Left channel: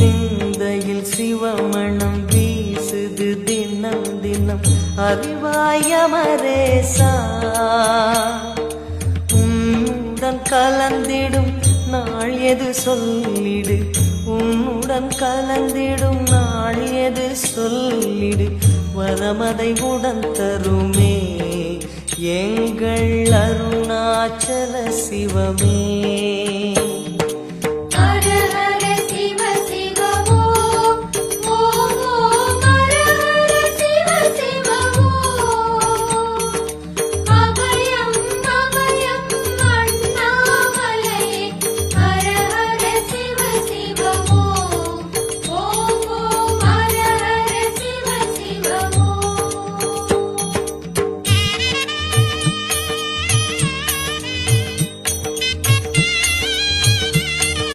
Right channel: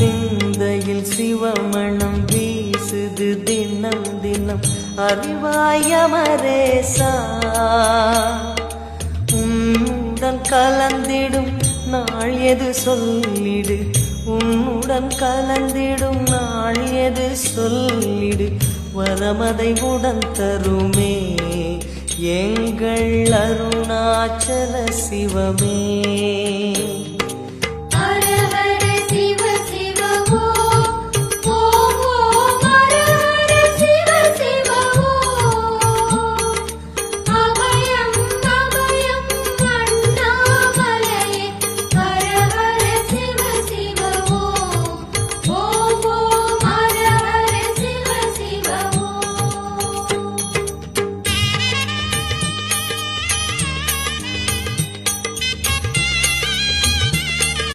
சிந்தையில் சிவமணம் வீசுது தினம் தினம் அறிவாயமரேசா உன்னுடன் கலந்திடும் நாள் எது சொல்லிடு உன்னுடன் கலந்திடும் நாள் எது சொல்லிடு வரமதை உடன் தருமே எங்கள் அருணாச்சல சிவமே